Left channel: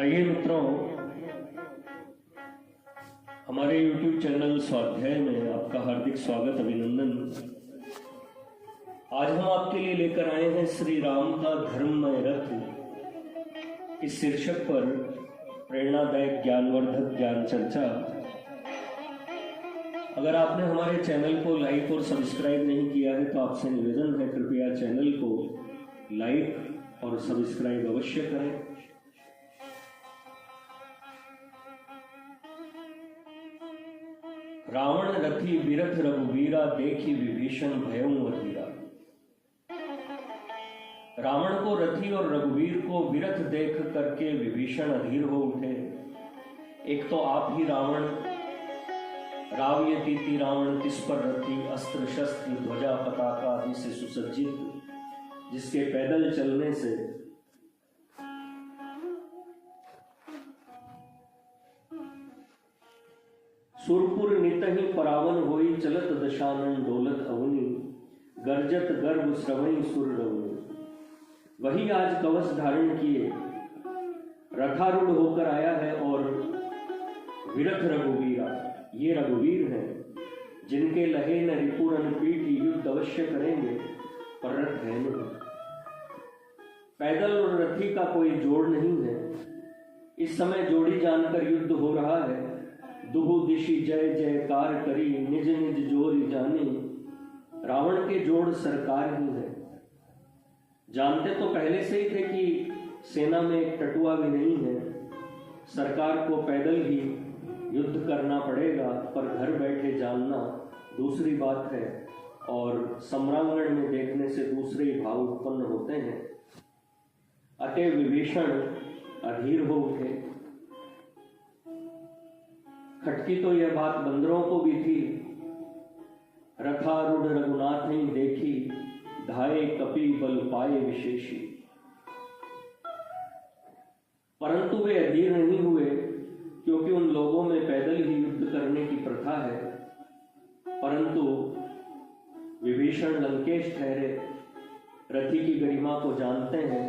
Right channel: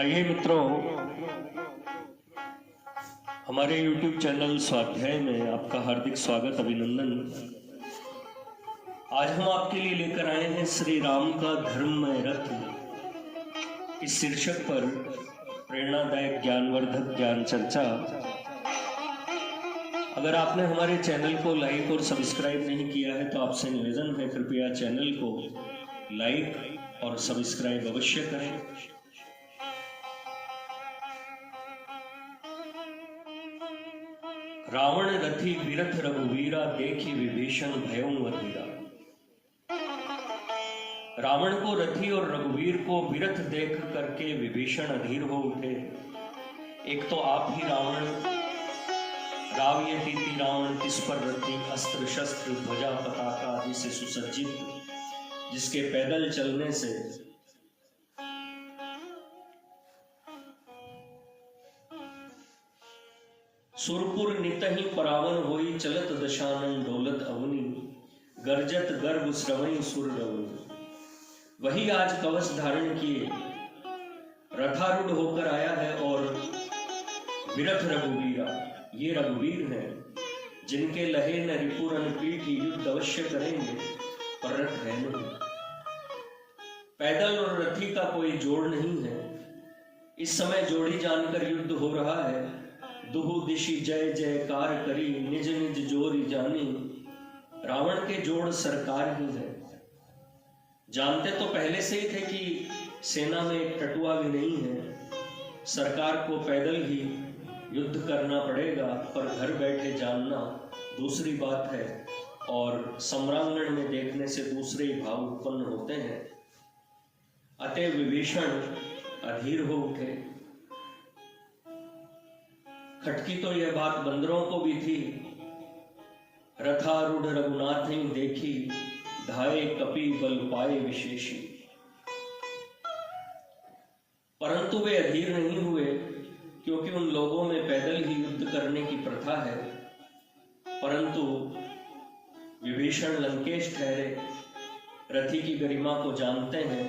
आइए मित्रों, हमारे YouTube चैनल स्वाध्याय में आपका हार्दिक स्वागत, अभिनंदन। आज हम आपके लिए लेकर आए हैं श्री राम का धर्ममय रथ इस शीर्षक पर प्रेरणादायक ज्ञानवर्धक ज्ञान चर्चा। अगर आपने हमारे चैनल को लाइक और सब्सक्राइब नहीं किया है तो आपसे निवेदन है, कृपया चैनल को लाइक और सब्सक्राइब अवश्य करें। रावण रथी विरथ रघुवीरा, देखी विभीषण भयं अधीरा। रावण को रथी और रघुवीर को विरथ देख करके विभीषण अधीर हो उठे। एक तो आप ही रावण, रावयतीति रावण किस पर रथी, अस्त्र शस्त्र ध्वजा पताका आदि से सुसज्जित, जिसके पैदल चलने से सुरपुर नितहि परावन होई, चलत दशानन डोलत अवनी, गर्जत गर्भ श्रवणी सुर रवनी। वही आज कवच धारण किए रथारूढ़ होकर आया है और विरथ रघुवीरा, ये रघुवीर हैं जिनके लहे न रिपुरन पीठी, युद्ध अवश्य करेंगे पर रथ है नहीं। पैदल और रथी का कोई जोड़ नहीं है। इस समय जोड़ी जानकर युद्ध हो रहा है। दुहु दिशि जय जयकार करी, निज निज जोरी जानी। रावण के जोड़ सरकार ही है। जानते तो पहले से ही थे कि सेना में एक टटुआ भी नहीं है। सरकार को पैदल ही युद्ध करना पड़ेगा, पर घर बैठे जानना दूसरी बात है और सम्रांगण में देखने से दूसरे ही भाव उत्पन्न होते हैं। अतः विभीषण अधीर हो उठे। खटकी तो यह बात बंदरों को भी थी। रथारूढ़ रघुनाथ ने देखी, धाये कपि बल पाए विशेषी। परंतु वे अधीर नहीं हुए, क्योंकि उन लोगों में पैदल ही युद्ध करने की प्रथा है। परंतु विभीषण लंकेश ठहरे, रथी की गरिमा को जानते हैं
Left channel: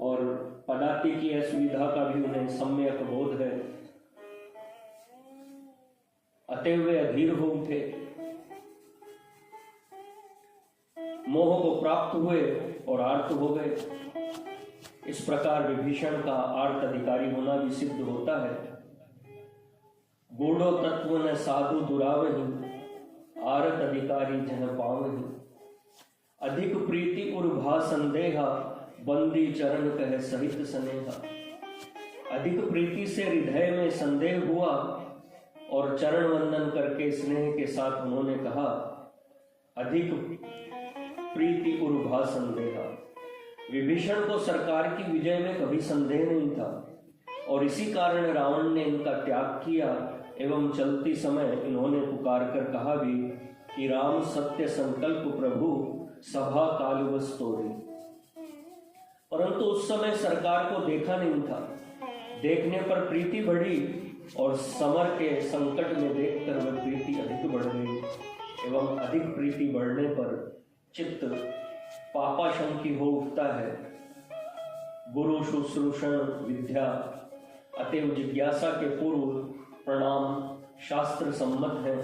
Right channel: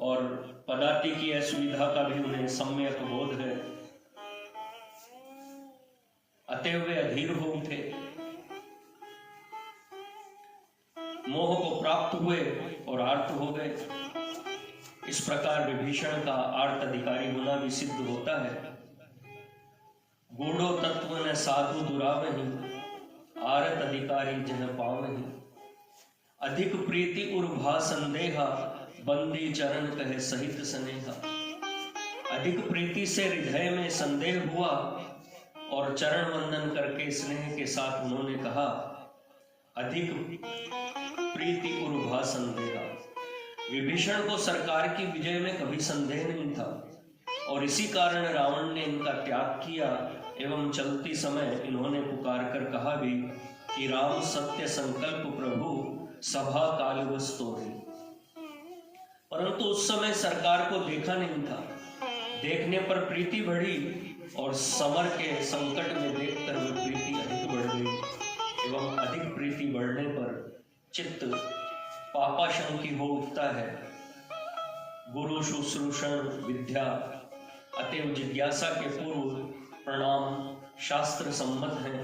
और पदाति की असुविधा का भी उन्हें सम्यक बोध है। अतः वे अधीर हो उठे, मोह को प्राप्त हुए और आर्त हो गए। इस प्रकार विभीषण का आर्त अधिकारी होना भी सिद्ध होता है। गूढ़ो तत्व न साधु दुरावही, आरत अधिकारी जह पावही। अधिक प्रीति उर्भा संदेहा, बंदी चरण कहे सहित स्नेहा। अधिक प्रीति से हृदय में संदेह हुआ और चरण वंदन करके स्नेह के साथ उन्होंने कहा, अधिक प्रीति उर्भा संदेहा। विभीषण को सरकार की विजय में कभी संदेह नहीं था और इसी कारण रावण ने इनका त्याग किया एवं चलती समय इन्होंने पुकार कर कहा भी कि राम सत्य संकल्प प्रभु, सभा कालवश तोरी। परंतु उस समय सरकार को देखा नहीं था। देखने पर प्रीति बढ़ी और समर के संकट में देखकर वह प्रीति अधिक बढ़ गई एवं अधिक प्रीति बढ़ने पर चित्त पापाशंकी हो उठता है। गुरु शुश्रूषण विद्या, अतएव जिज्ञासा के पूर्व प्रणाम शास्त्र सम्मत है।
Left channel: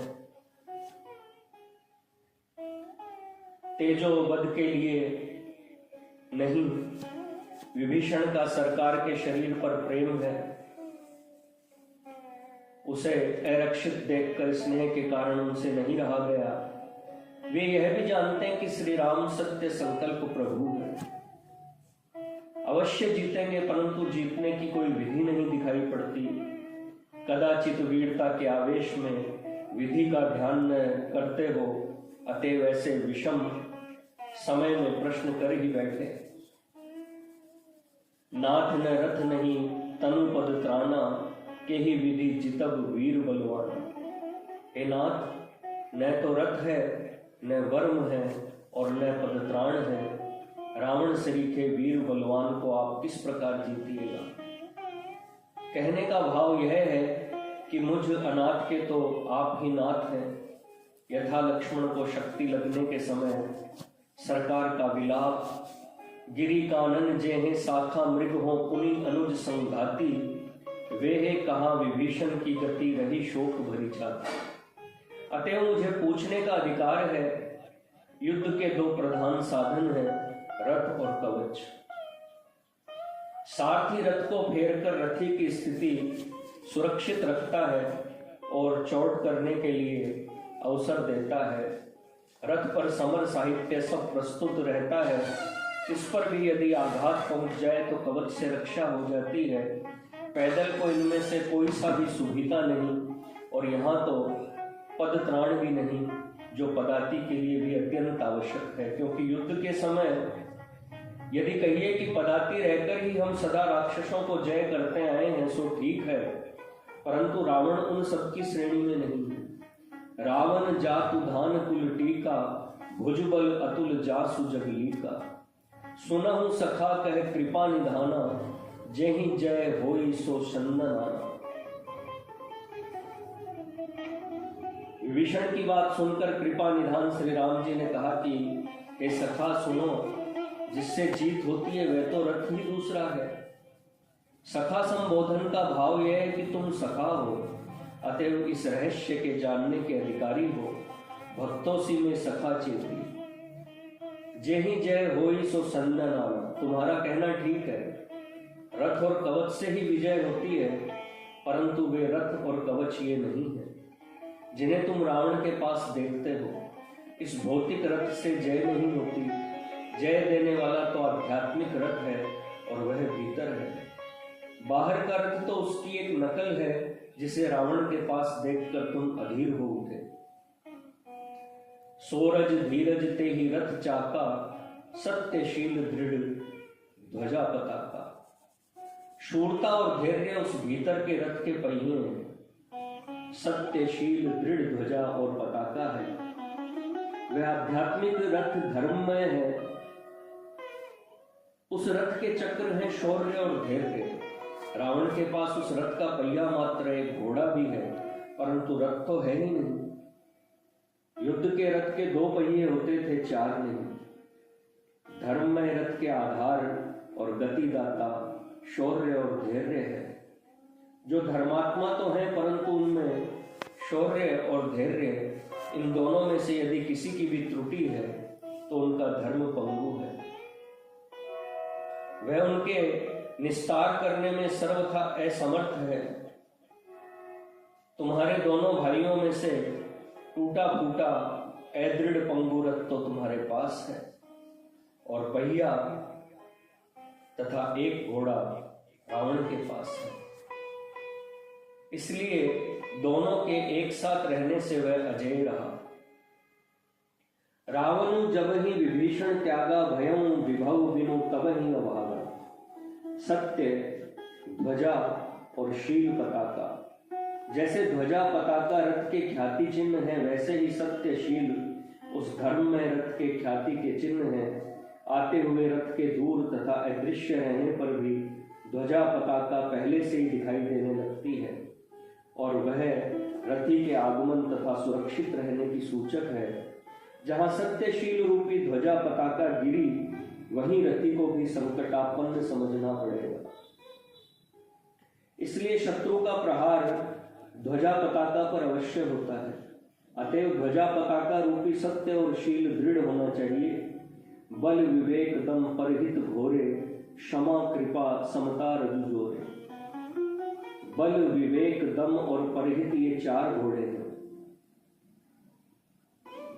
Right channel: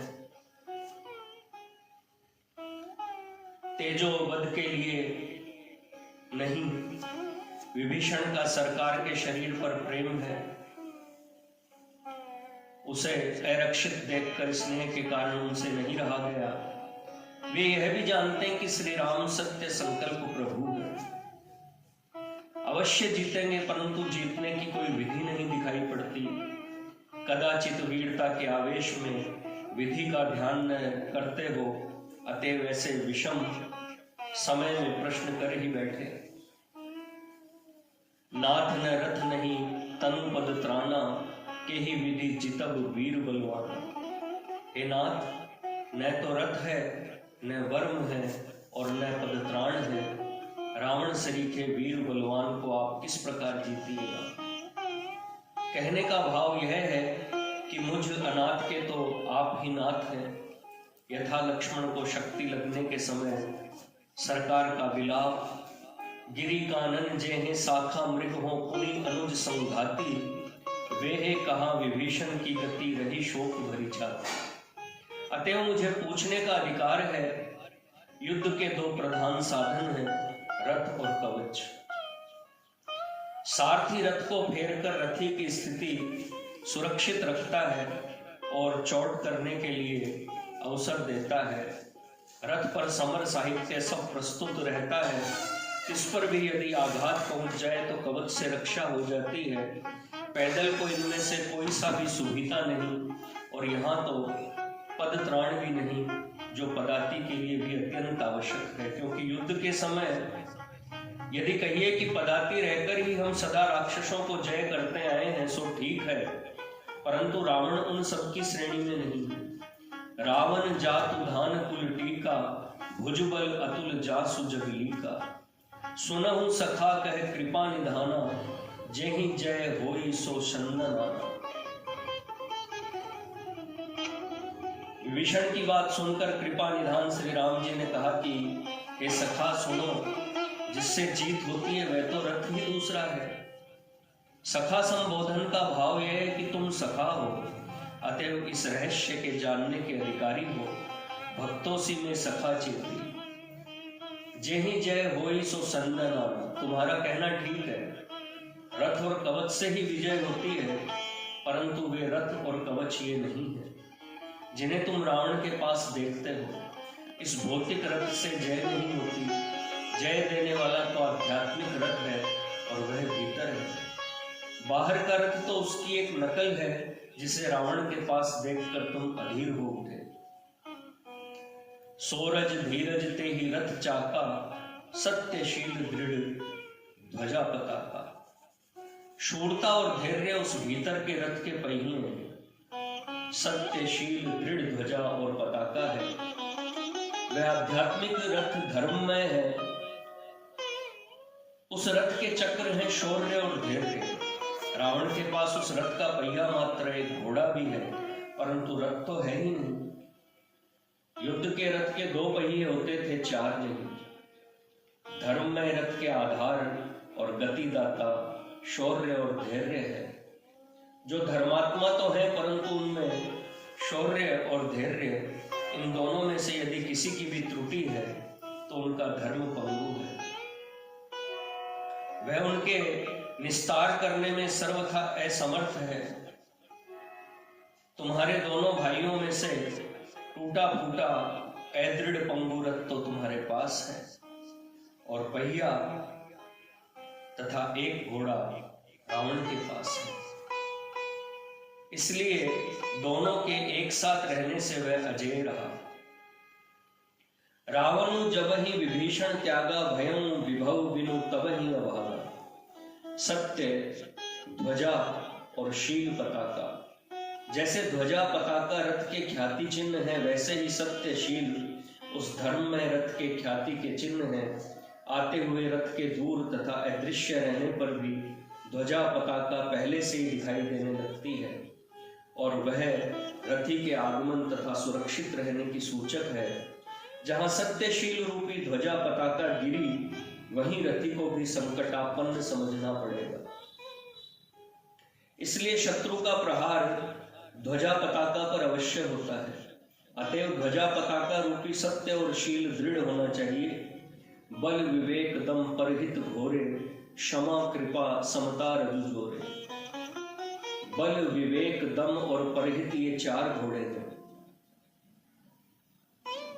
तेजो वध के लिए नहीं। विभीषण का सरकार के शरीर पर प्रेम है। उसे अरक्षित देखकर स्नेह के कारण उनसे नहीं रहा गया। वे यह भी जानते हैं कि श्री राम सत्य संकल्प प्रभु है, अवश्य जीतेंगे, परंतु जीतने की कोई विधि नहीं दिखाई पड़ती। कदाचित वीरता के आवेश में विधि का ध्यान न करते हो, अतः वैसे विषम समय में प्रश्न कर ही बैठे। नाथ न रथ नहीं तनु पद त्राना, के ही विधि जितब वीर बलवाना। हे नाथ, न तो रथ है, न वर्म है और न पदत्राण है। रावण सरीखे वीर बलवान को आप किस प्रकार जीतिएगा। कहने का भाव यह है कि मुझ अनाथ के तो आप ही नाथ हैं। यथा लक्ष्मण को शक्ति लगने के समय सरकार का विलाप गिरी कानन जेहे शाखा मृग हो पुनि अनुज संघाती, वे है कहाँ विभीषण की गति रही शोक भरी छाती। अतएव मुझे पूछने का अधिकार है। युद्ध के दो प्रधान साधन हैं, रथ और कवच। सारथी रथ को फेरकर रथी की स्थिति सुरक्षित रखता है और चौड़ करने के लिए अवसर देता है। रथ पर समर साहित्य सब प्रस्तुत रहता है। इस पर भी यदि आघात पहुंच जाए तो कवच से रक्षा हो जाती है। पैदल को इनमें से कोई सा भी सुविधा नहीं, और यहाँ तो पद त्राण भी नहीं, जो पदाति के लिए भी अत्यंत आवश्यक है। क्योंकि युद्ध के समय यदि कहिए कि पदाति रहकर ही हम सदा राक्षसों को जय करते आए हैं सो ठीक है, परंतु रावण उन सबकी श्रेणी में नहीं है। रावण जातु धान कुल टीका, भुजबल अतुल जासु जगलीका। सुनहु सखा कह कृपा निधाना, जेहि जय होई सो चंदनाना। विभीषण की बात सुनकर कृपा निधान श्री राम जी ने कहा कि हे सखा सुनो, जिससे जीत होती है वह तो रथ ही दूसरा है। सखा संबोधन का भाव यह है कि तुम सखा हो, अतएव इस रहस्य के जानने के अधिकारी हो। भक्तों सी में सखा चेती, जेहि जय होई सो संदनाना। तुम्हारा कहना ठीक है, रथ और कवच से ही विजय होती है, परंतु वे रथ और कवच ये नहीं है जिन्हें तुम रावण के पास देखते हो। इस भौतिक रथ से जय नहीं होती। जय देने वाला तो आध्यात्मिक रथ है, और वह भीतर है। बाहर का रथ तो उसकी एक नकल है, जिसे रावण के पास देखकर तुम अधीर हो उठे। सोरज धीरज ते ही रथ चाका, सत्यशील दृढ़ ध्वजा पताका। शूरता और धैर्य उस भीतर के रथ के पहिए हैं। सत्यशील दृढ़ ध्वजा और पताका है। वह आध्यात्मिक रथ धर्ममय है। उस रथ के चक्र हैं शौर्य और धैर्य। रावण के पास उस रथ का पहिया मात्र एक घोड़ा भी है, परंतु रथ तो है ही नहीं। युद्ध के रथ के दो पहिए होते थे, चार नहीं। धर्ममय रथ के आधार और गतिदाता शौर्य और धैर्य है। जो धर्मात्मा तो है, परंतु उनमें शौर्य और धैर्य, इन दोनों में से यदि किसी की भी त्रुटि है तो उनका धर्म पंगु है। वह उनके निस्तार करने में सर्वथा असमर्थ है। तुम्हारे दोनों भाइयों में से टूटा फूटा अदृढ़ पंगु रथ तो तुम्हारे पास है, और पहिया तथा एक घोड़ा रावण के पास है। इसलिए दोनों के एक साथ रहने से वह अजेय रहा। रावण जब ही विभीषण त्यागा, भयं विभव बिनु तब ही अभागा। सत्य ध्वजा और शील पताका। जैसे ध्वजा पताका रथ के ख्याति चिन्ह है, वैसे ही सत्यशील उस धर्म में रथ के ख्याति के चिन्ह है। आते हुए रथ के दूर तथा अदृश्य रहने पर भी ध्वजा पताका पहले से ही दिखाई देने लगती है, और वह रथी के आगमन तथा सुरक्षित रहने की सूचक है। जहाँ सत्यशील रूपी ध्वजा पताका गिरी, वहीं रथी को भी संकटापन्न समझना पड़ेगा। इसलिए शत्रु का प्रहार ध्वजा पताका पर अवश्य होता है। अतएव ध्वजा पताका रूपी सत्य और शील दृढ़ होना चाहिए। बल विवेक दम परहित घोरे, क्षमा कृपा समता रजु जोरे। बल विवेक दम और परहित ये चार घोड़े हैं।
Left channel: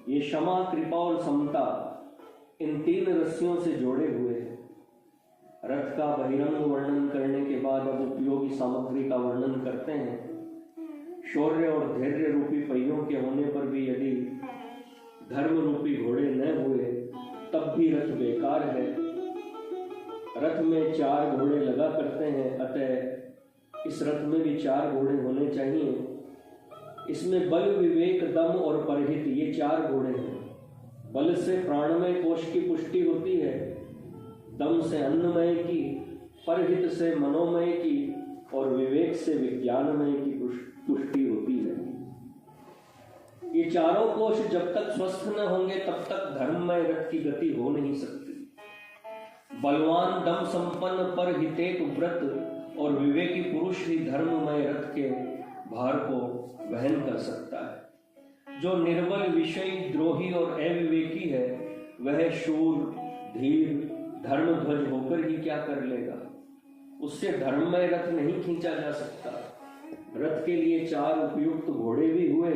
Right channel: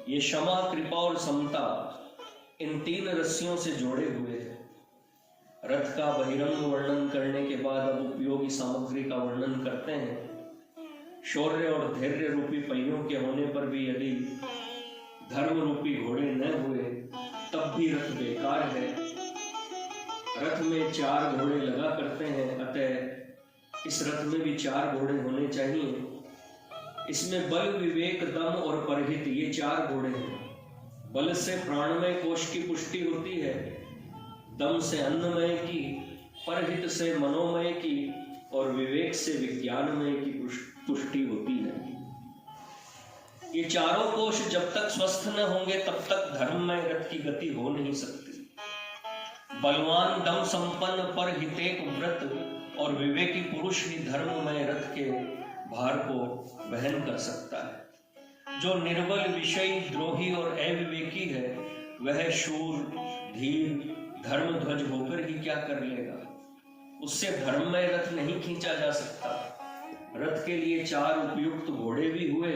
ये क्षमा कृपा और समता इन तीन रस्सियों से जोड़े हुए हैं। रथ का बहिरंग वर्णन करने के बाद अब उपयोगी सामग्री का वर्णन करते हैं। शौर्य और धैर्य रूपी पहियों के होने पर भी यदि धर्म रूपी घोड़े न हुए तब भी रथ बेकार है। रथ में चार घोड़े लगा करते हैं, अतः इस रथ में भी चार घोड़े होने चाहिए। इसमें बल विवेक दम और परहित ये चार घोड़े हैं। बल से प्राणमय कोश की पुष्टि होती है, दम से अन्नमय की, परहित से मनोमय की, और विवेक से विज्ञानमय की पुष्टि होती है। ये चारों कोश जब तक स्वस्थ न होंगे तब तक धर्ममय रथ की गति हो नहीं सकती। बलवान दम संपन्न पर हितेक व्रत और विवेकी पुरुष ही धर्ममय रथ के भार को वहन कर सकता है। जो निर्बल, विषयी, द्रोही और अविवेकी है वह शूर, धीर, धर्मध्वज होकर ही क्या कर लेगा। उससे धर्ममय रथ नहीं खींचा जा सकता। रथ के लिए 4 उपयुक्त घोड़े भी हुए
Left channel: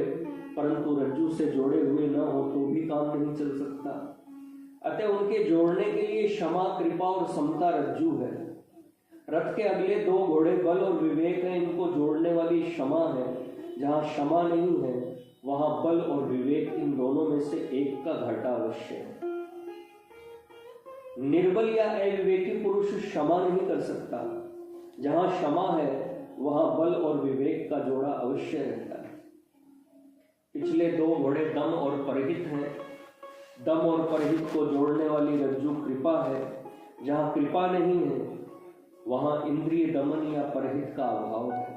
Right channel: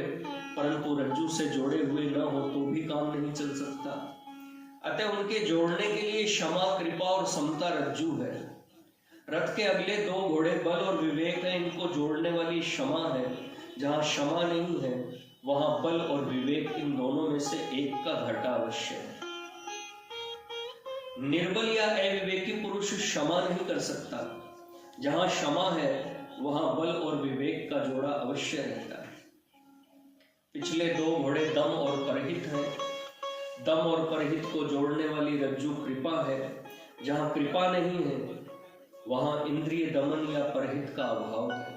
परंतु रज्जू से जोड़े हुए न हो तो भी काम नहीं चल सकता। अतः उनके जोड़ने के लिए क्षमा, कृपा और समता रज्जू है। रथ के अगले 2 घोड़े बल और विवेक है। इनको जोड़ने वाली क्षमा है। जहाँ क्षमा नहीं है वहां बल और विवेक, इन दोनों में से एक का घाटा अवश्य है। निर्बल या अविवेकी पुरुष क्षमा नहीं कर सकता। जहां क्षमा है वहां बल और विवेक का जोड़ा अवश्य रहता है। पिछले 2 घोड़े दम और परहित हैं। दम और परहित को जोड़ने वाली रज्जू कृपा है। जहां कृपा नहीं है वहां इंद्रिय दमन या परहित का अभाव है।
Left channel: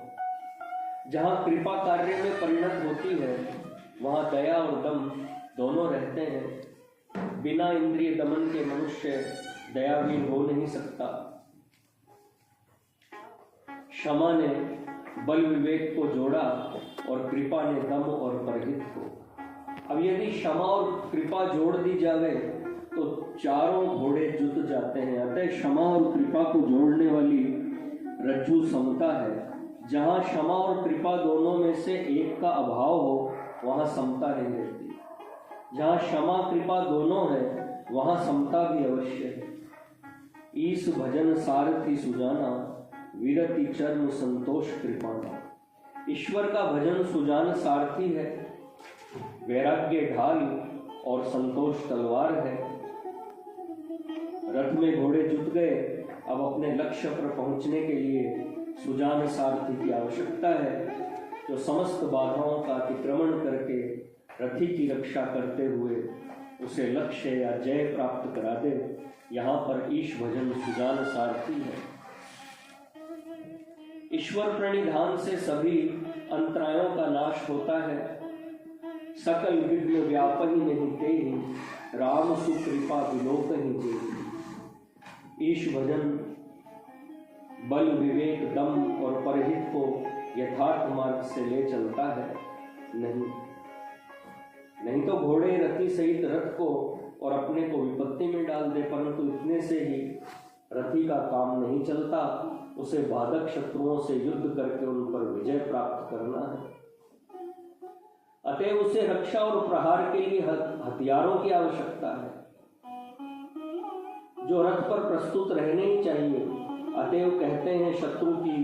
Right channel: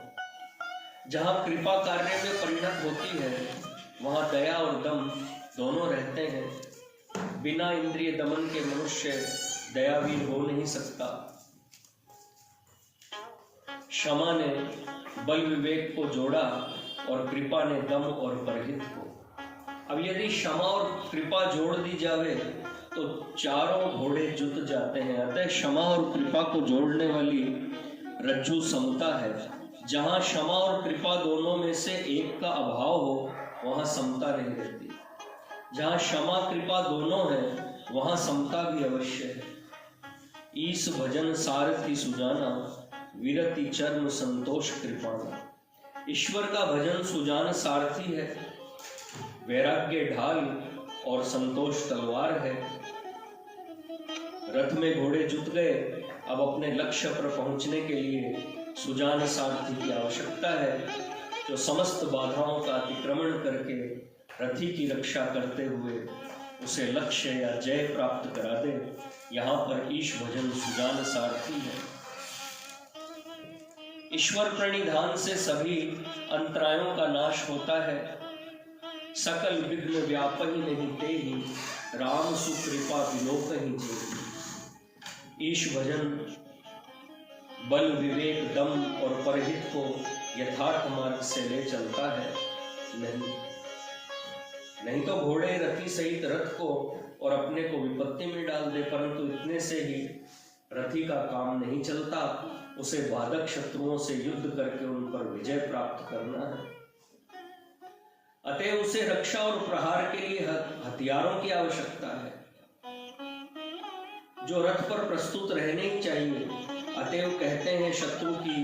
जहां कृपा कार्य में परिणत होती है वहां दया और दम दोनों रहते हैं। बिना इंद्रिय दमन के मनुष्य दयावीर हो नहीं सकता। क्षमा ने बल विवेक को जोड़ा और कृपा ने दम और परहित को। अब यदि क्षमा और कृपा जोड़ दी जावे तो चारों घोड़े जुट जाते हैं। अतः क्षमा और कृपा को जोड़ने वाली रज्जू समता है। जहां क्षमा और कृपा दोनों में से एक का अभाव हो वहां समता नहीं रहती। जहां क्षमा कृपा दोनों है वहां समता भी अवश्य है। ईश भजन सारथी सुजाना, विरति चर्म संतोष कृपाना। ईश्वर का भजन सुजान सारथी है, वैराग्य ढाल और संतोष तलवार है। रथ में घोड़े जुट गए। अब अपने लक्ष्य पर पहुंचने के लिए सुजान सारथी की आवश्यकता है, जो समस्त बाधाओं का अतिक्रमण करके रथी की रक्षा करते हुए उसे लक्ष्य या जय प्राप्त करा दे। यहाँ पर ईश भजन सुजान सारथी है। ईश्वर प्रणिधान से सभी अंतरायों का नाश होता है। सकल विघ्न व्यापहि नहीं तेहि, राम सुकृपा विलोकहि जेहि। ईश भजन बल, विवेक, दम और परहित को यथार्थ मार्ग से ले चलता है। नहीं तो घोड़े रथी सहित रथ को और अपने को विपत्ति में डाल दे। परंतु इतने से ही रथी का काम नहीं चलता। उसे बाधक शत्रुओं से युद्ध करके उन पर विजय प्राप्त करना है। अतः उसे रक्षा और प्रहार के लिए हथियारों की आवश्यकता है, जो रथ पर प्रस्तुत रहने ही चाहिए। अतएव कहते हैं शत्रु की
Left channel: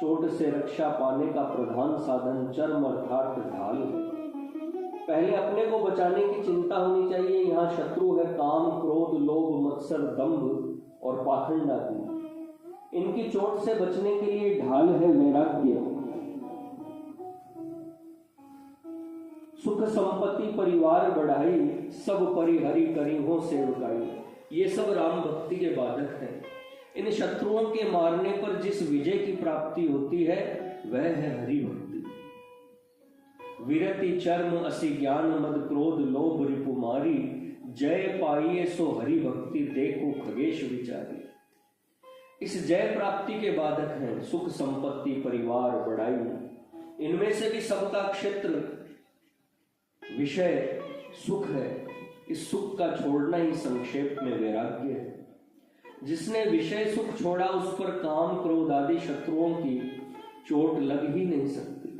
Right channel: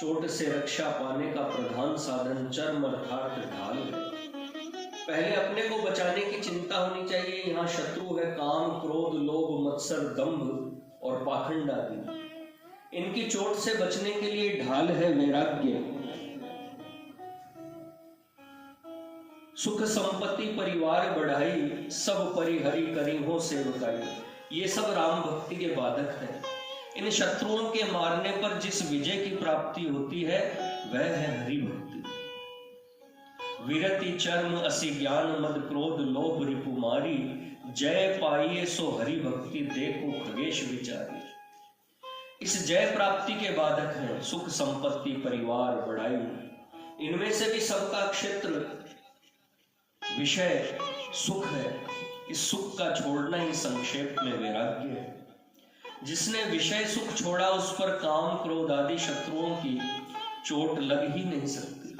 चोट से रक्षा पाने का प्रधान साधन चर्म अर्थात ढाल है। पहले अपने को बचाने की चिंता होनी चाहिए। यहाँ शत्रु है काम, क्रोध, लोभ, मत्सर, दंभ और पाखंड आदि। इनकी चोट से बचने के लिए ढाल है वैराग्य। सुख संपत्ति परिवार बढ़ाई, सब परिहरि करीहों से उताई। ये सब राम भक्ति के बाधक हैं। इन शत्रुओं के मारने पर जिस विजय की प्राप्ति होती है वह है हरि भक्ति। विरति चर्म असी ज्ञान मद क्रोध लोभ रिपुमारी, जय पाइए सो हरि भक्ति देखो खगेश विचारी। इस जय प्राप्ति के बाधक हैं सुख संपत्ति परिवार बढ़ाई। इनमें से भी सबका क्षेत्र विषय सुख है। इस सुख का छोड़ना ही संक्षेप में वैराग्य है। जिसने विषय सुख छोड़ा उस पर काम, क्रोध आदि शत्रुओं की चोट लग ही नहीं सकती।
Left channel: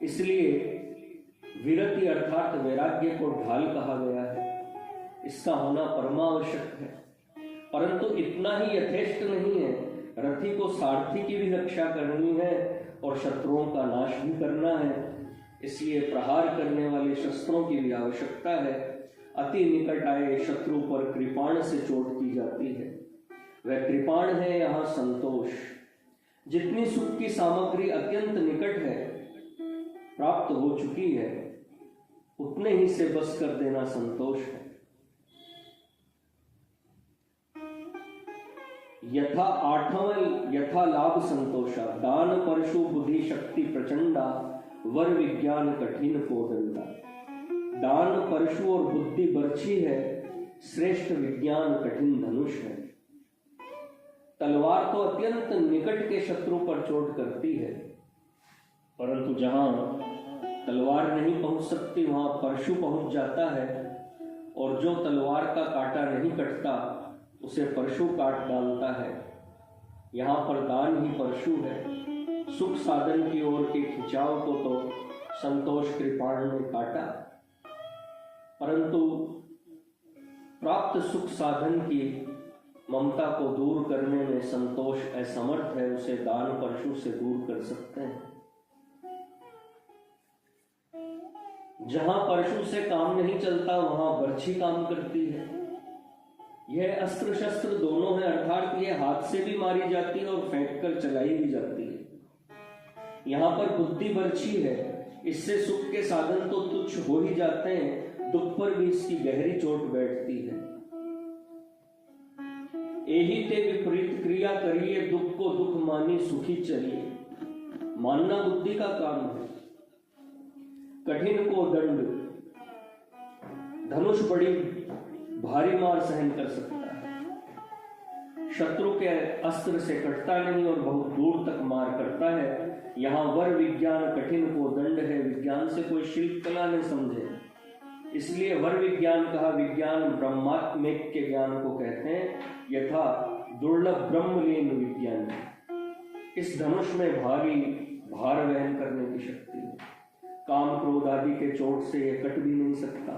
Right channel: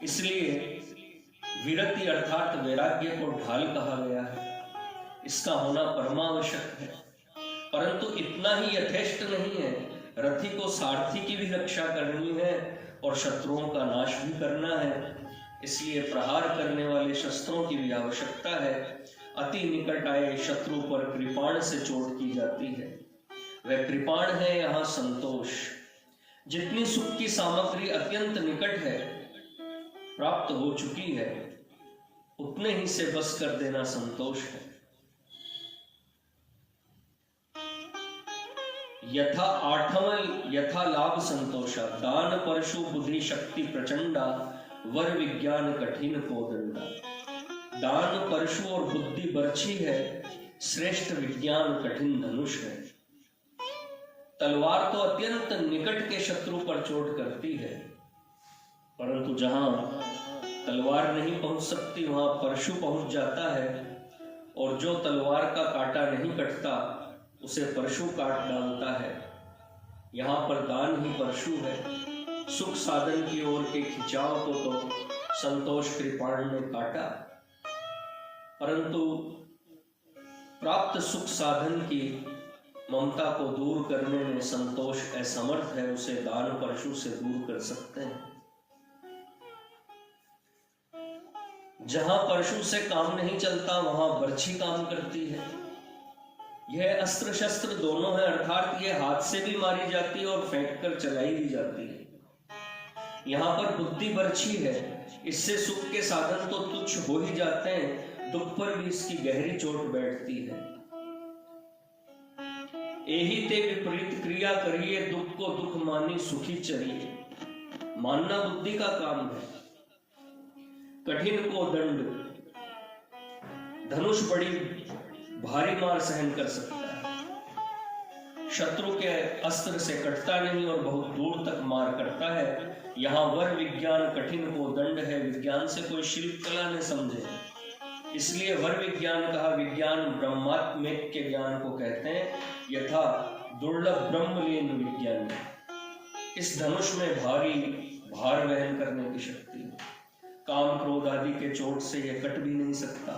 इसलिए विरति अर्थात वैराग्य को ढाल कहा गया है। इसका होना परमावश्यक है। परंतु इतना ही यथेष्ट नहीं है। रथी को सारथी की भी रक्षा करनी है और शत्रुओं का नाश भी करना है। इसलिए प्रहार करने वाले शस्त्रों की भी आवश्यकता है। अति निकट आए शत्रु पर कृपाण से चोट की जाती है। वह कृपाण है यहाँ संतोष। जितनी सुख की सामग्री अत्यंत निकट है, प्राप्त हो चुकी है, उतने ही से बस कर देना संतोष है। यथा आठवल यथा लाभ संतोषा, दान परशु बुद्धि शक्ति प्रचंडा, वर विज्ञान कठिन कोदंडा। दान परशु और बुद्धि बर्छी है, श्रेष्ठ विज्ञान कठिन धनुष है। तलवार तो अत्यंत निकट के शत्रु पर चोट करती है, परंतु जहां तलवार नहीं पहुंच सकती वहां परशु पहुंच जाता है, और जो तलवार का कांटा नहीं कटता उसे परशु काट डालता है। यहाँ पर दान ही परशु है। सुख साधन की ओर के खिंचाव को तो संतोष कृपाण ने काटा, परंतु प्राप्त सुख साधन की ममता को दूर करने में संतोष असमर्थ है, उसे दान परशु से दूर कर सकते हैं। जहां परशु से काम नहीं चलता वहां बर्छी काम करती है। यह अस्त्र शस्त्र दोनों है, अर्थात यह हाथ से भी मारी जाती है और फेंक कर चलाई भी जाती है। यहाँ पर बुद्धि बर्छी है, इससे सुख के साधन तो तुच्छ हो ही जाते हैं, दुख पर भी इसकी गहरी चोट बैठती है। एही ते विपरीत क्रिया करिए, दुख को दुख मानी सुखी चलिए। मानना बुद्धि का काम है। कठिन को दंड, धनुष बड़ी भारी मार सहन कर सकता है, शत्रु के अस्त्र से कटता नहीं और बहुत दूर तक मार करता है। यहाँ वर विज्ञान कठिन को दंड है, विज्ञान से कोई शिल्प कला न समझे, इसलिए वर विज्ञान कहा। विज्ञान ब्रह्मात्मिक के ज्ञान को कहते हैं, यथा दुर्लभ ब्रह्मलीन विज्ञान। इस धनुष में भारी भार वहन करने की शक्ति है। काम क्रोध आदि के चोट से यह कट भी नहीं सकता,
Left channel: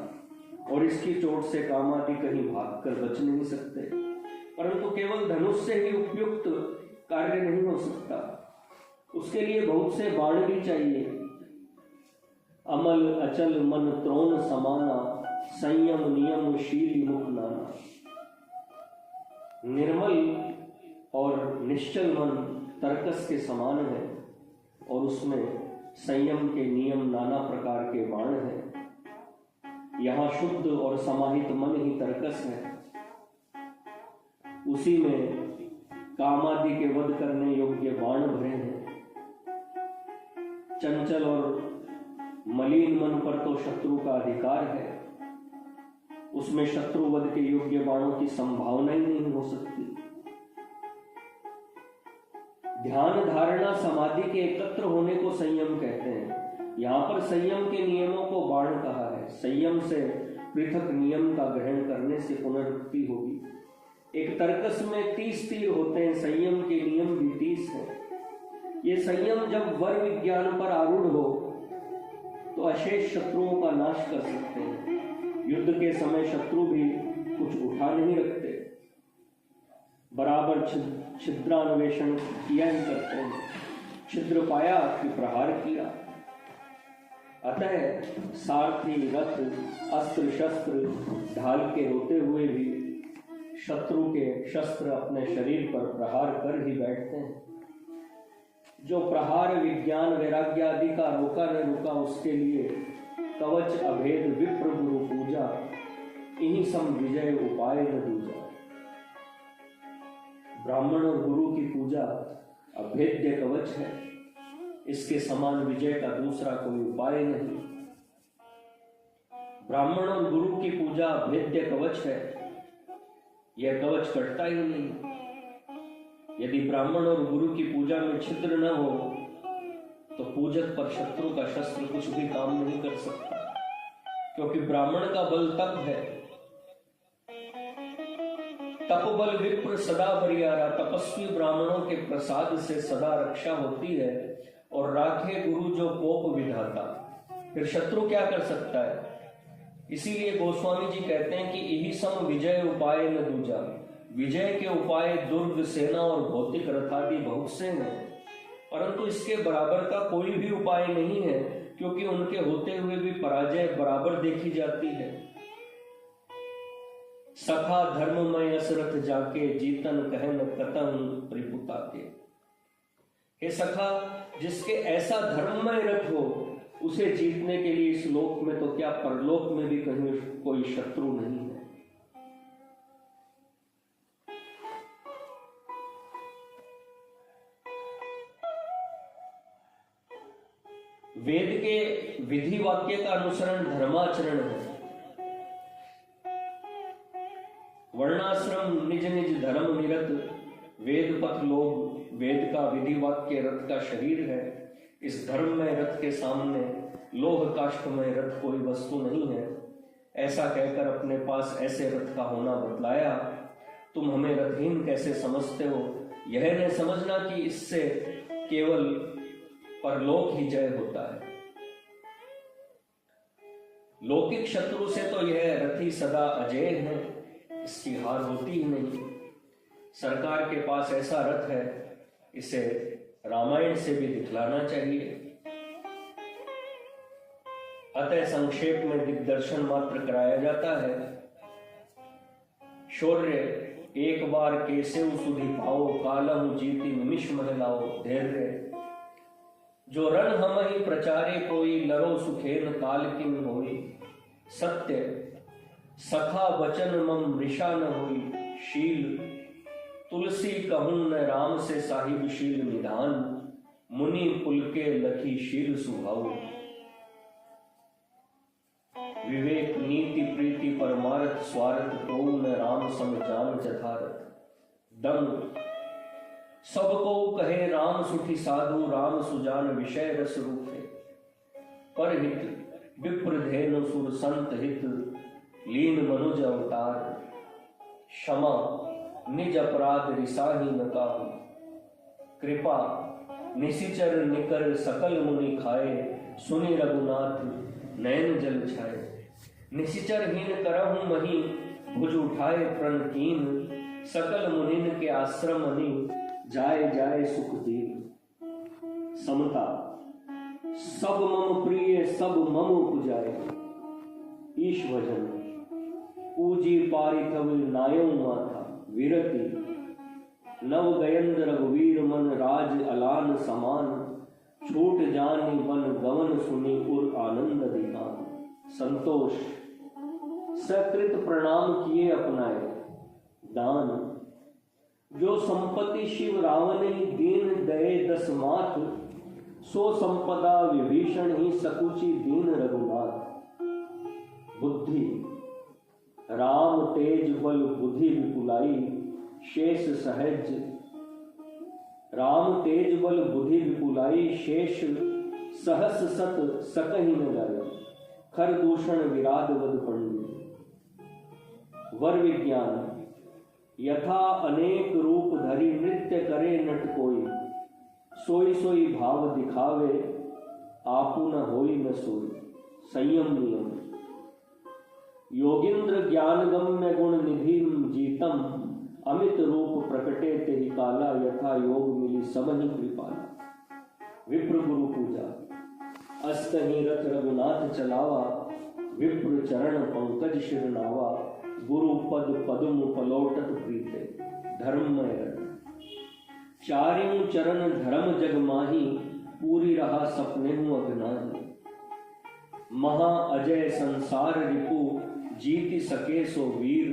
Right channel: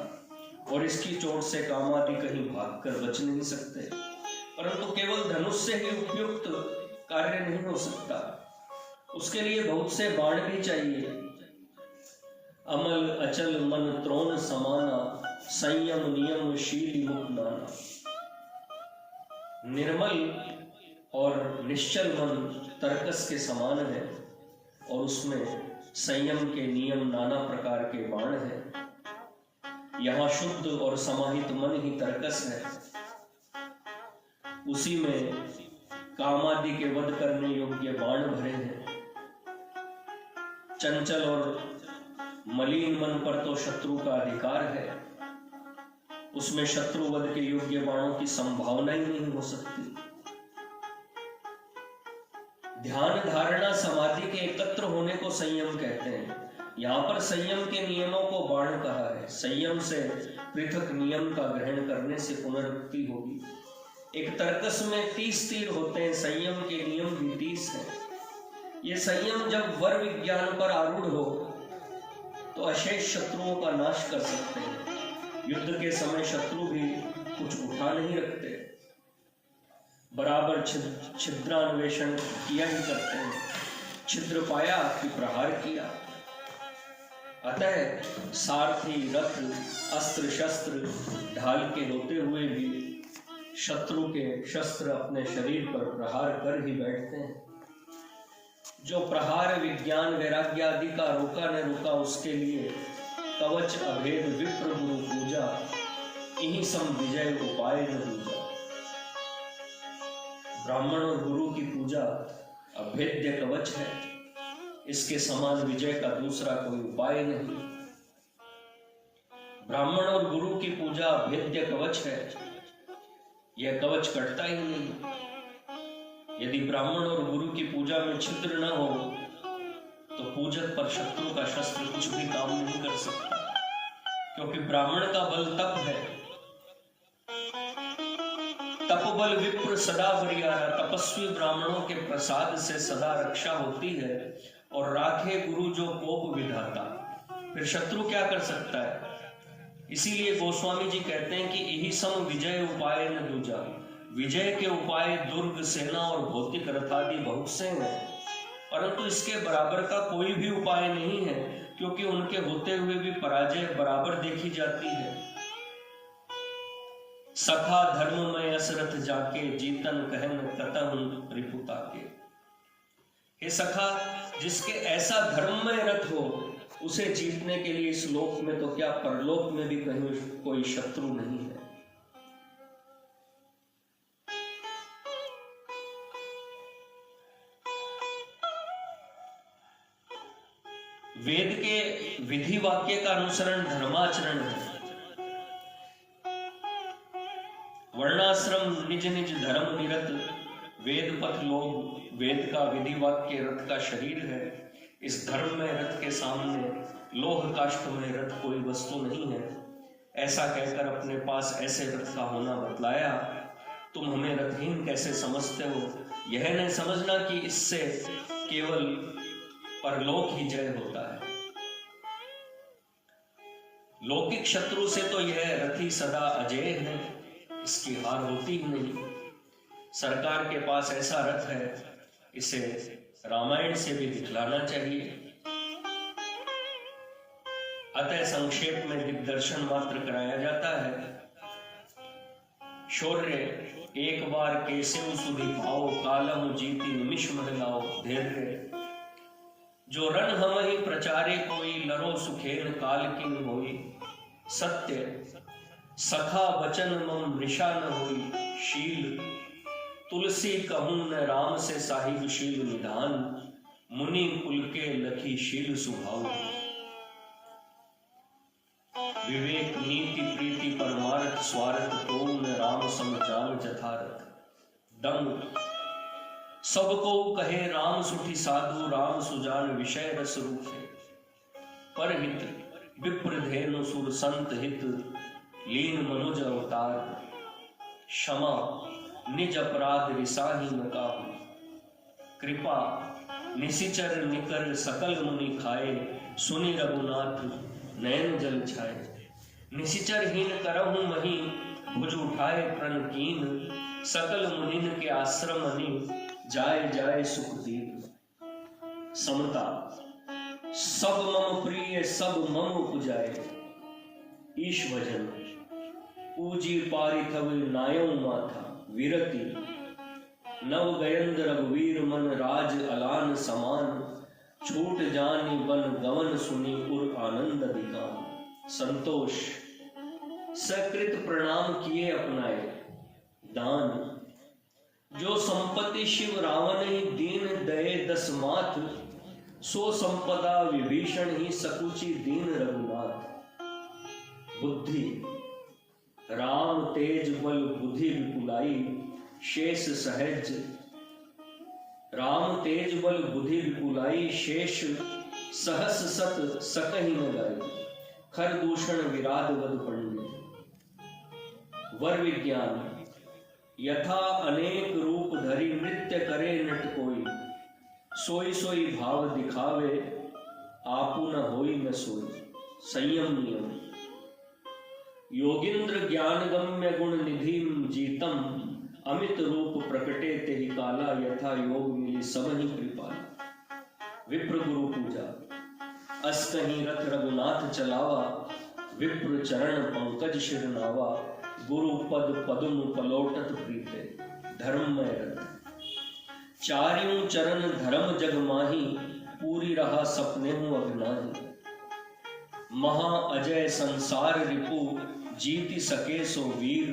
और इसकी चोट से काम आदि कहीं भागकर बच नहीं सकते, परंतु केवल धनुष से ही उपयुक्त कार्य नहीं हो सकता, उसके लिए बहुत से बाण भी चाहिए। अमल अचल मन त्रोण समाना, संयम नियम शील मुख नाना। निर्मल और निश्चल मन तर्कस के समान है, और उसमें संयम के नियम नाना प्रकार के बाण हैं। यहाँ शुद्ध और समाहित मन ही तर्कस है, उसी में कामादि के वध करने योग्य बाण भरे हैं। चंचल और मलिन मन पर तो शत्रु का अधिकार है, उसमें शत्रु वध के योग्य बाणों की संभावना ही नहीं हो सकती। ध्यान धारणा समाधि के एकत्र होने को संयम कहते हैं। यहाँ पर संयम के नियमों को बाण कहा है। संयम से पृथक नियम का ग्रहण करने से पुनरुक्ति होगी। एक तर्कस में 30 तीर होते हैं, संयम के नियम भी 30 हैं। ये संयम जब वर विज्ञान पर आरूढ़ हो तो अशेष शत्रुओं का नाश कर सकते हैं। युद्ध के समय शत्रु भी कुछ उठा नहीं रखते, बराबर छिद्रान्वेषण किया ही करते हैं। छिद्र पाया कि प्रहार किया। अतः सारथी रथ अस्त्र शस्त्र ढाल के होते हुए भी शत्रु के शस्त्र अपने शरीर पर प्रहार कर ही बैठते हैं। जो प्रहार विज्ञान वैराग्य आदि का रोका न रुका, उसके लिए कवच अभेद विप्र गुरु पूजा, इन्हीं सम विजय उपाय न दूजा। ब्राह्मण और गुरु की पूजा अभेद्य कवच है, इसके समान विजय का दूसरा कोई उपाय नहीं। ब्राह्मण और गुरु की पूजा अभेद्य कवच है, यह कवच कटता ही नहीं। यदि ब्राह्मण और गुरु की पूजा में छिद्र न हो तो पूजक पर शत्रु का शस्त्र कुछ भी काम नहीं कर सकता, क्योंकि ब्राह्मण का बल तप है। तपबल विप्र सदा बरियारा, तपस्वी ब्राह्मणों के प्रसाद से सदा रक्षा होती है। और राखे गुरु जो कोप विधाता, फिर शत्रु क्या कर सकता है। इसीलिए गोस्वामी जी कहते हैं कि यही सम विजय उपाय न दूजा। विजय के उपाय दुर्ग सेना और भौतिक रथ आदि बहुत से हैं, परंतु इसके बराबर का कोई भी उपाय नहीं है, क्योंकि उनके होते हुए भी पराजय बराबर देखी जाती है। सखा धर्ममय असरथ जाके, जीतन कहन कतहु रिपुता के। हे सखा, जिसके ऐसा धर्ममय रथ हो, उसे जीतने के लिए इस लोक में तो क्या परलोक में भी कहीं कोई शत्रु नहीं है। वेद के विधि वाक्य का अनुसरण धर्माचरण है। वर्णाश्रम निज निज धर्म निरत, वेद पथ लोग वेद का विधि वाक्य रथ का शरीर है। इस धर्म में रथ के सामने लोह काष्ठ में रथ कोई वस्तु नहीं है। ऐसा कहकर अपने पास ऐसे रथ का होना बतलाया। तुम हमें रथहीन कैसे समझते हो? यह नहीं समझना कि इससे केवल परलोक ही जय होता है। लौकिक शत्रु से तो यह रथी सदा अजय है, इसकी हार होती ही नहीं। सरकार के पास ऐसा रथ है, इसे रामायण से भी दिखलाना चाहिए। अतः संक्षेप में दिग्दर्शन मात्र कराया जाता है। शौर्य एक बार केसेउ सुधि पाओ, कालम जीति निमिष महलाओ। धैर्य जो रण हम ही प्रचारे, कोई लरो सुखेन काल किन होई। सत्य सखा वचन मम मृषा न होई। शील तुलसी कहूं न राम से साहिब शील निधान। मुनि कुल के लखी शील सुभाव। विवेक नीति प्रीति परमार्थ स्वार्थ, को न राम सम जान जथारथ। दम सबको कहे राम सुठी साधु, राम सुजान विषय रस रूपे। परहित विप्र धेनु सुर संत हित, लीन मनुज अवतार। क्षमा निज अपराध रिसाही न काहू। कृपा निशिचर निकर सकल मुनि खाए, सुनि रघुनाथ नयन जल छाए। निशिचर हीन करहु मही, भुज उठाए प्रण कीन। सकल मुनिन के आश्रम मनि, जाय जाय सुख दीन। समता सब मम प्रिय सब मम उपजाए। ईश भजन पूजी पारिथव नायौ माथा। विरति नव गयंद रघुवीर मन, राज अलान समान। छूट जानी बन गवन सुनी, उर आनंद दिखान। संतोष सकृत प्रणाम किए अपनाए। दान जो संपत्ति शिव रावण ही, दीन दये दस माथ। सो संपदा विभीषण ही, सकुचि दीन रघुनाथ। बुद्धि राम तेज बल बुद्धि विपुलाई। शेष सहज राम तेज बल बुद्धि विपुलाई। शेष सहस सत सकहि न गाय। खर दूषण विराग वद पंडित। वर विज्ञान यथा अनेक रूप धरि, नृत्य करे नट कोई। सोई सोई भाव दिखावे, आपु न होई न सोई। संयम नियम योगिंद्र ज्ञान गम्य गुण निधि जीतम। अमित रूप प्रकटे तेहि काला, यथा योग मिली सब ही कृपाला। विप्र गुरु पूजा अस्तहि रथ रघुनाथ चलावा। विप्र चरण पंकज शिर नावा। गुरु पद पद्म पलोटत प्रीते, धर्ममय रथ। चार्यों चरण धर्म जग माही, पूरी रहा सपने हूं अगनाही। महा अजय संसार रिपु, जीति सके सो वीर।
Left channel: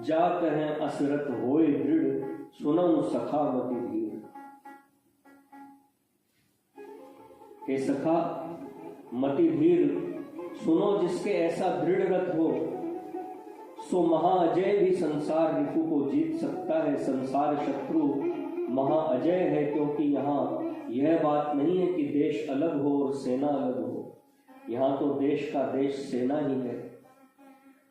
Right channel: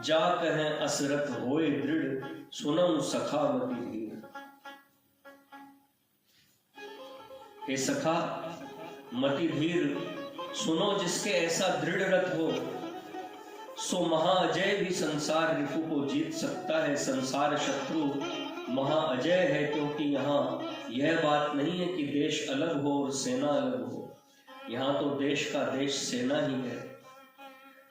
जा कहें असरत होए दृढ़, सुनऊं सखा मति धीर। हे सखा मति धीर, सुनो जिसके ऐसा दृढ़ रथ हो। सो महाअजय भी संसार रिपु को जीत सकता है। संसार शत्रु महाअजय है, क्योंकि यहाँ यह बात नहीं है कि देश अलग हो और सेना अलग हो। यहाँ तो देश का देश सेना ही है।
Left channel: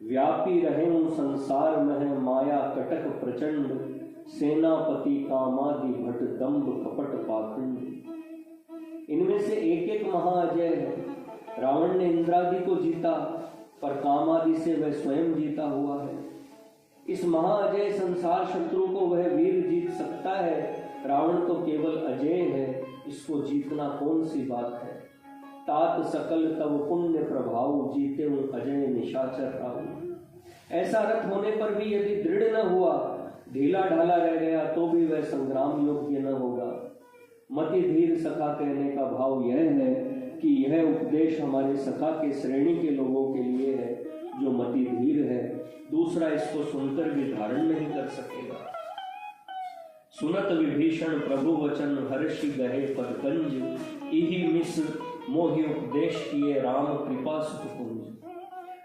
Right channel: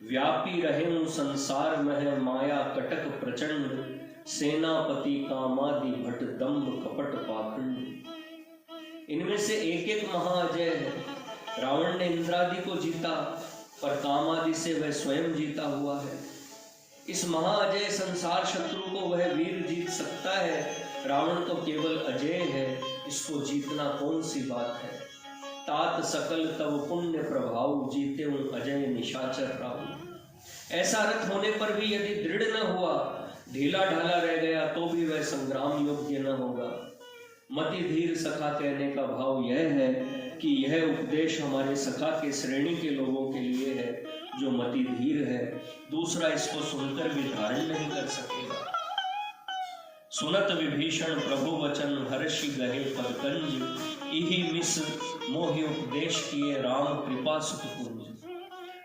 व्यापी रहे संसार में माया कटक प्रचंड। सेनापति कामादि भट दंभ कपट पाखंड। इनमें से एक एक महाअजय है। रावण ने इंद्रादि को जीता, पर कामादि से वह स्वयं जीता हुआ है। इस महाअजय संसार शत्रु को वह वीर जीत सकता है। रावण तो केवल अजय है, इसको जीतना कौन सी बात है। तात सकल तव पुण्य प्रभाव, जीते हूं अजय निशाचर राहु। ऐसा रथ होने पर भी यदि दृढ़ न हुआ, ढीला ढाला रह गया, तो भी वह संग्राम योग्य न होगा। मति धीर सखा कहने का भाव यह है कि यह उपदेश हमारे सखा के श्रेणी के लोगों के लिए है जो मति धीर है। दूसरा इसको सुनकर भी धारण नहीं कर सकेगा। सुनत विभीषण प्रभु वचन, हर्षि गहे पदकंज। इहि मिस मोहि उपदेश किए, राम कृपा सुख पुंज।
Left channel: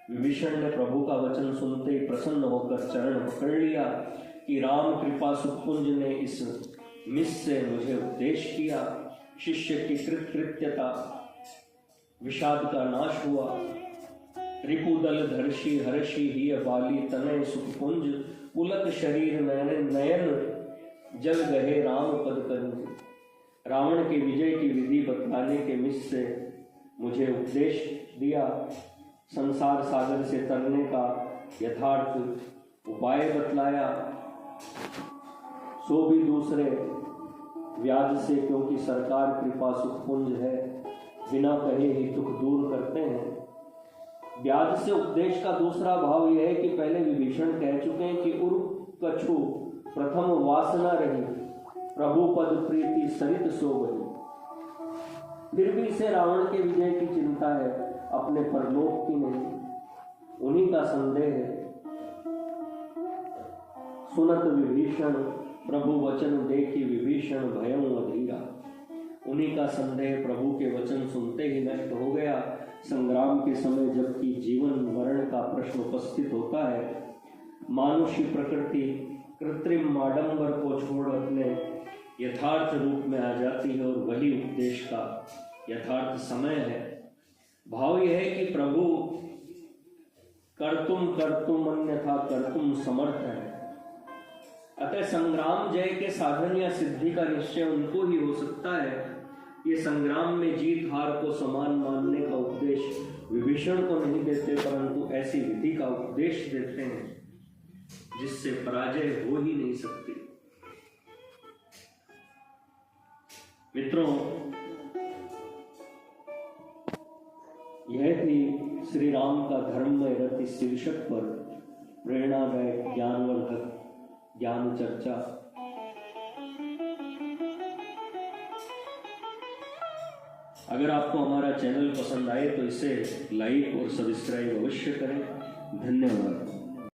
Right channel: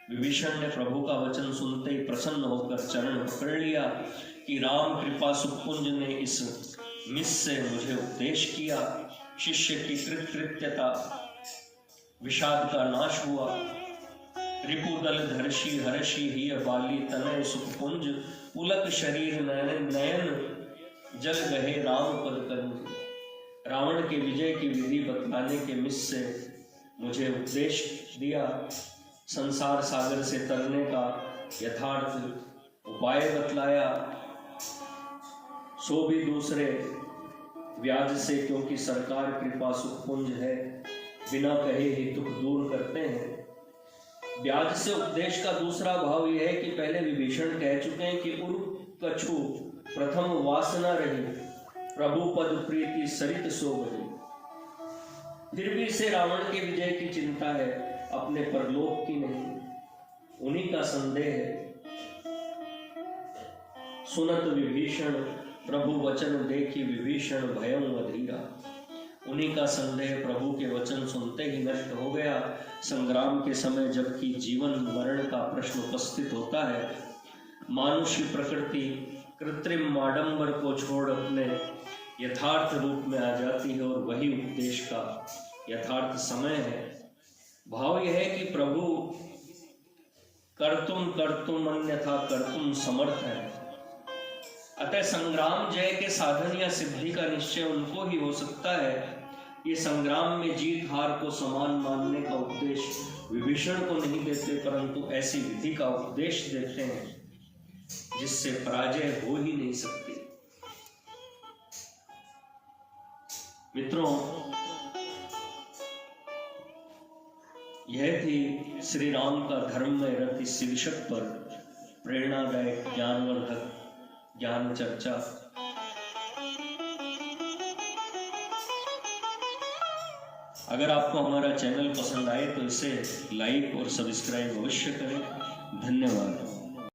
विभीषण ने प्रभु का वचन सुनते ही प्रसन्न होकर चरण पकड़ लिया कि राम कृपा सुपुंज ने इस मिस से मुझे उपदेश किया। शिष्य की कृतकृत्यता विषाद का नाश हुआ। रिपुदल धर्षि हर्षि ही बाली तनय सुपुंज पुलक शरीर नयन नयन जल गहे राम पद कंज। रावण के विजय की विधि बतलाने के मिस से मुझे उपदेश दिया। संसार सागर से तरने का यथार्थ उपाय बतलाया, सो भी दूसरे व्याज से, क्योंकि सरकार कृपा सुखपुंज है, बिना कहे ही दुख दूर करते हैं। ब्याज से उपदेश का दूसरा भाव यह है कि पहले विभीषण कह चुके हैं कि उर कछु प्रथम वासना रही, प्रभु पद प्रीति सरित सो बही। फिर भी इसे रावण के विजय की चिंता है, अपने परलोक की नहीं। उन्हीं का संदेह है। सुनत विभीषण प्रभु वचन देखी विभीषण भयं अधीरा। उन्हीं का संदेह प्रभु के वचन सुनते ही नष्ट हो गया। संग्राम के समय जबकि जीवन मरण का प्रश्न उपस्थित होता है, मानुष्य प्रकृति कृत्रिम आडंबर को छोड़ अपने यथार्थ रूप में आ जाती है और वही उपदेश का यथार्थ समय है। भाव यह है कि प्रभु कर्तुम अन्यथा कर्तुम समर्थ है। अतः संग्राम जय के साधन या सिद्धि का निश्चय उनको ही हो सकता है। ये संग्राम में जीत हार को समान मानने का उपदेश विभीषण को नहीं देते, परंतु ऐसी विधि का उपदेश देते हैं जिससे पराजय हो ही नहीं सकती। मित्रों, यह थी श्री राम का धर्म में रथ इस शीर्षक पर प्रेरणादायक ज्ञानवर्धक ज्ञान चर्चा। अगर आपको हमारा चैनल पसंद आए तो इसे लाइक और सब्सक्राइब अवश्य करें। धन्यवाद।